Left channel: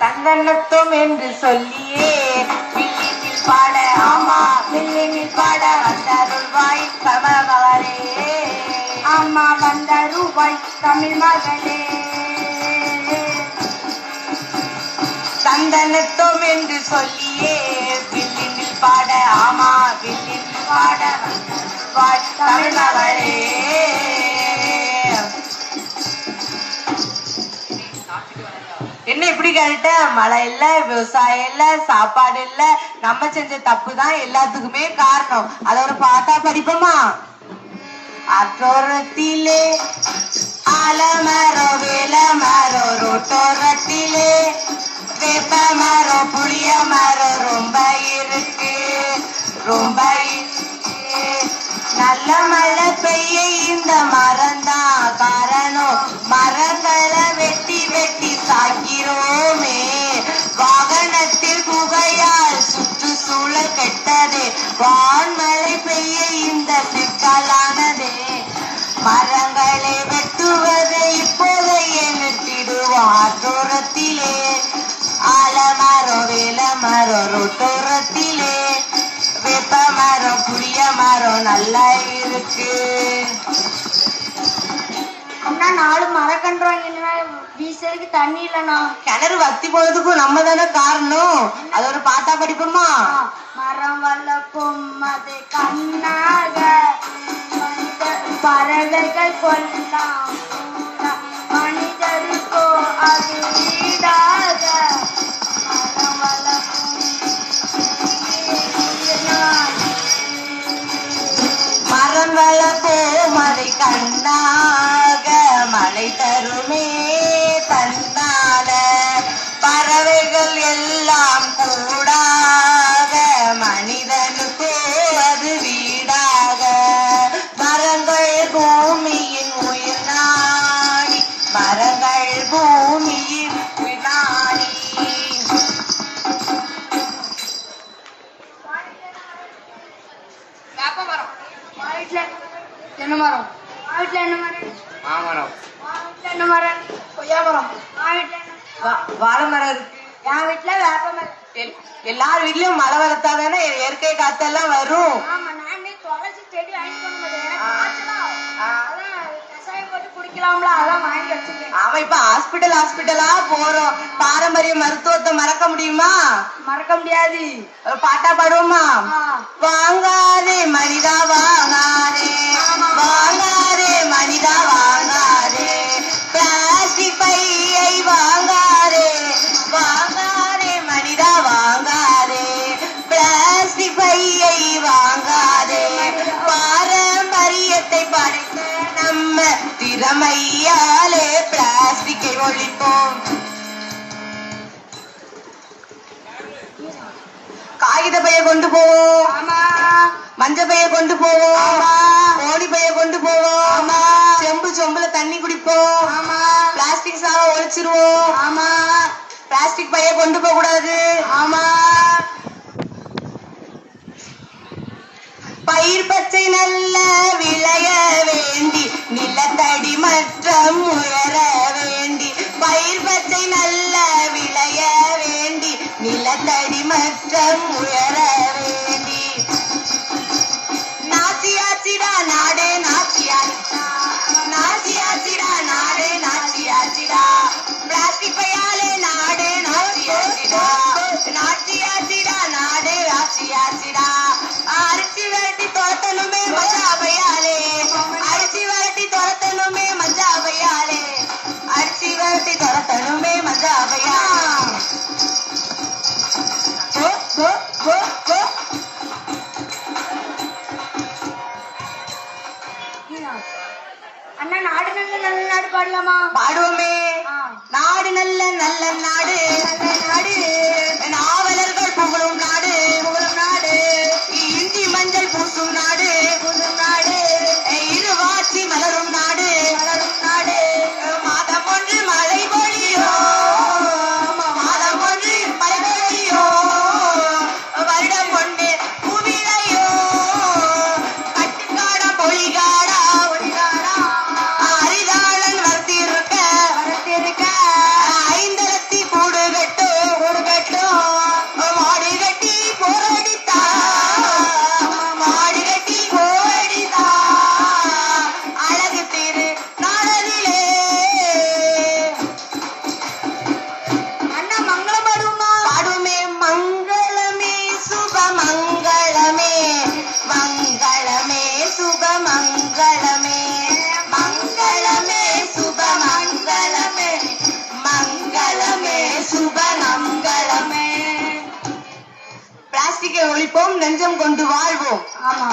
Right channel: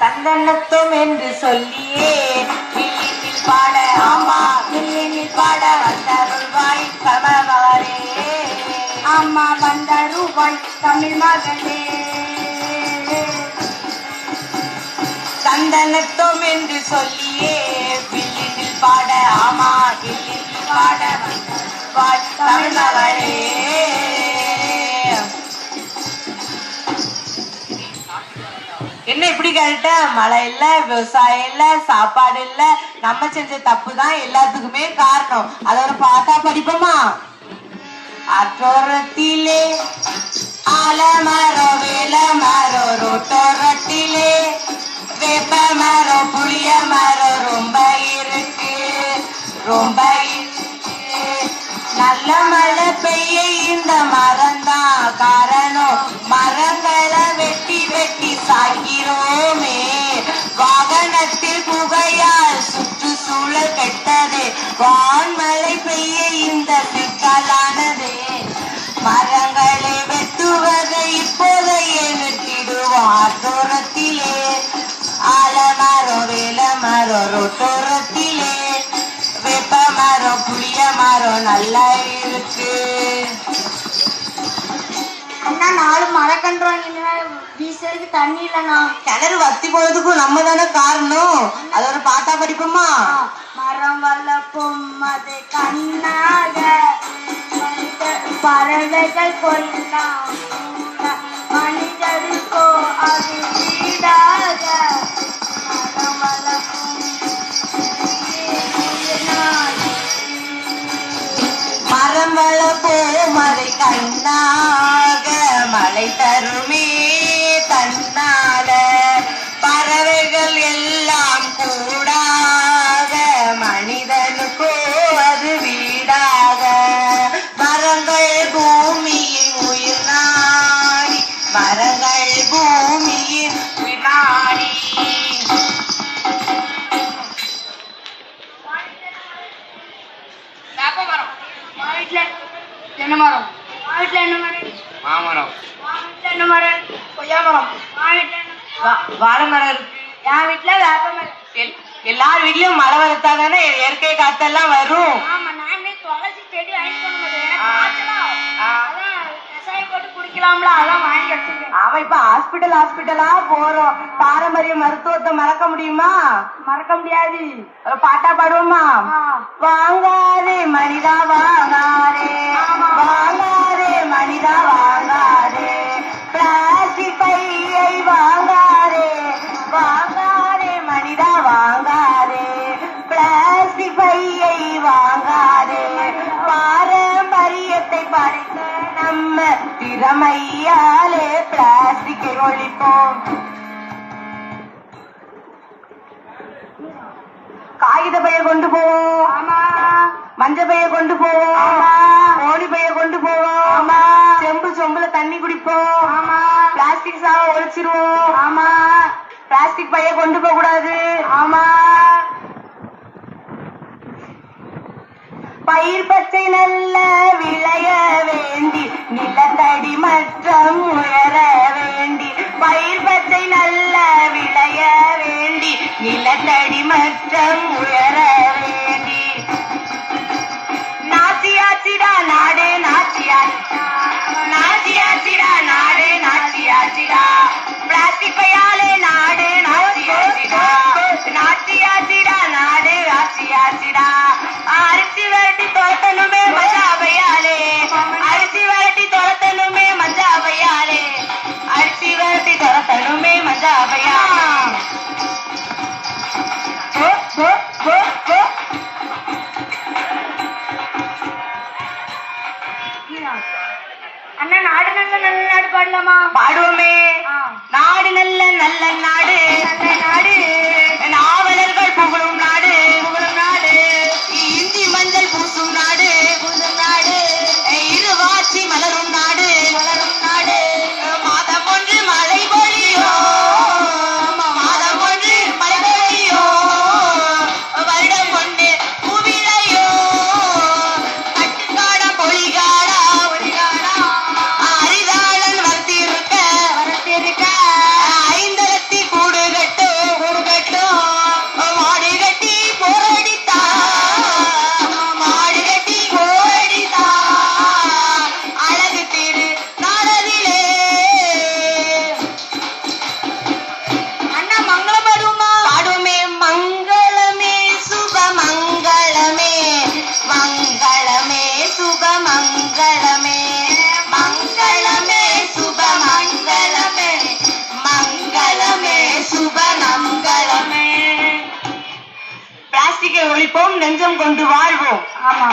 தந்தனத்தும் என்று சொல்லியே வில்லினில் பாட ஆமா வில்லினில் பாட வந்தருள்வாய் கமலமகளே அம்மா வந்தருள்வாய் தமிழ் மகளே தந்தனத்தும் என்று சொல்லியே வில்லினில் பாட ஆமா வில்லினில் பாட வந்தருள்வாய் கமலமகளே. என்ன இப்படி கேட்ட? மழை இல்ல, விவசாயம் இல்ல, சாப்பாடு இல்ல, நம்ம செஞ்ச தப்பு தான் எல்லாத்துக்குமே காரணம். அத ஒரு பாட்டா படிப்போமா? அற்றோரத்திலே ஆலமரம் வேலமரம் ரோட்டோரத்திலே வேப்ப மரம் புளிய மரம் ரொம்ப இருக்கு ரொம்ப நல்ல மழை பெய்ய இந்த மரம் தான் காரணம். மரங்களை வெட்டி வெட்டி சாகிறோமே, வாகனத்தில் புகையால் சுற்றுச்சூழல் கெட்டது, வான்மழை பெய்ய இந்த சிக்கலானதே. மரங்களை வெட்டுவதை இப்போதையே நிறுத்திடுவார் தூரத்திலே ஆலமரம் வேலமரம் ரோட்டோரத்திலே வேப்ப மரம் புளிய மரம் நல்லா இருக்கு. அண்ணா 4 மரக்கன்று வீசருக்கு தண்ணி இல்லண்ணா. கிணறு வத்தி போனதுக்கும் நம்ம தானே காரணம். அது ஒரு பாட்டா படிப்போமா? மரம் வளர்ப்போம் அது கண்ணாக பறவைகள் கொல்லாம் மனிதருக்கோ அது வீடாக. மரம் வளர்ப்போம் மரம் வளர்ப்போம் அதை கண்ணாக மழை தருமே தன்னால பறவைகள் எல்லாம் கூடாக மனிதனுக்கோ அது வீடாக. மரங்கள் பூமியின் உயிர் நாடி மரங்கள் பூமியின் உயிர் நாடி. என்ன மரம்? வீட்டுல என்ன மரம்? மாமரம். என்ன மரம்? கொய்யா மரம். வாழை மரம் இருக்கு. என் வீட்டுல வேப்ப மரம். எல்லார் வீட்லயும் மழை வளர்த்தாதானே இயற்கை காத்தெல்லாம் வரும். ஆமா, நானே துளசி செடி வாங்கி கொண்டு கசாயம் போட்டு குடிக்கலாம்ல, அதான் வாங்கி வச்சிருக்கேன். ஆமா, இப்ப ஹாஸ்பிட்டலா போறோம். பாரம்பரிய மருத்துவத்தை மறக்க முடியுமா? மறக்க முடியாது. பாட்டா பாடுவோமா? வாங்காதே மனிதா வாங்காதே வாங்காதே மனிதா வாங்காதே பிளாஸ்டிக் பையை வாங்காதே வாங்காதே மனிதா வாங்காதே பிளாஸ்டிக் பையை வாங்காதே. பாரம்பரியத்தை படித்த நம்ம திறமையாலே பிளாஸ்டிக்கை ஒழிப்போம். காகித பைய கொண்டு போவோம். ஆமா. மஞ்சள் பைய கொண்டு போவோம். ஆமா. கோழி பைய கொண்டு போவோம். ஆமா. சொம்புல தண்ணி குடிப்போம். ஆமா. பிளாஸ்டிக் சாவை ஒழிச்சிருவோம். ஆமா. பிளாஸ்டிக் பைய கொண்டு போக கூடாது. ஆமா. பயிர் பச்சை நல்ல விளைய வேண்டி நிலத்தடி மற்றம் உயர வேண்டி பயிர் பச்சை நல்ல விளைய வேண்டி நிலத்தடி மற்றம் உயர வேண்டி. நாச்சியாச்சிடா நாடே நாச்சியாச்சிடா நாச்சியாச்சிடா நாடே நாச்சியாச்சிடா பிளாஸ்டிக் பையாலே நாடே நாச்சியாச்சிடா நாச்சியாச்சிடா நாடே நாச்சியாச்சிடா. அரிசி வரட்டி தோட்டனுமே மஜா பையாலே அரிசி வரட்டி தோட்டனுமே மஜா பையாலே அரிசி வரட்டி தோட்டனுமே மஜா பையா. அண்ணா நாடு நல்ல நல்ல நாடு பாடலாமா? பாடுவோமே. நாடு நல்ல நல்ல நாடு நல்ல நாடு நாவலர்கள் புகழும் நாடு புகழும் நாடு இந்தி மஞ்சள் பூசும் நாடு பூசும் நாடு இருவாட்சி மலரும் நாடு மலரும் நாடு. மாதம் ஒன்று மழை பொழியோ மாதம் ஒன்று மழை பொழியோ வருடம் ஒன்று பூவிளையோ கட்டுக்காட பொழிகாடா பொழிகாடா அரிதாளன் வளர்த்திருக்க வளர்த்திருக்க ஐந்தரத்தி கூடு கட்டோ ஒழிப்போம், நெஞ்சம் கொண்டு வாழ்வோம். ஆமா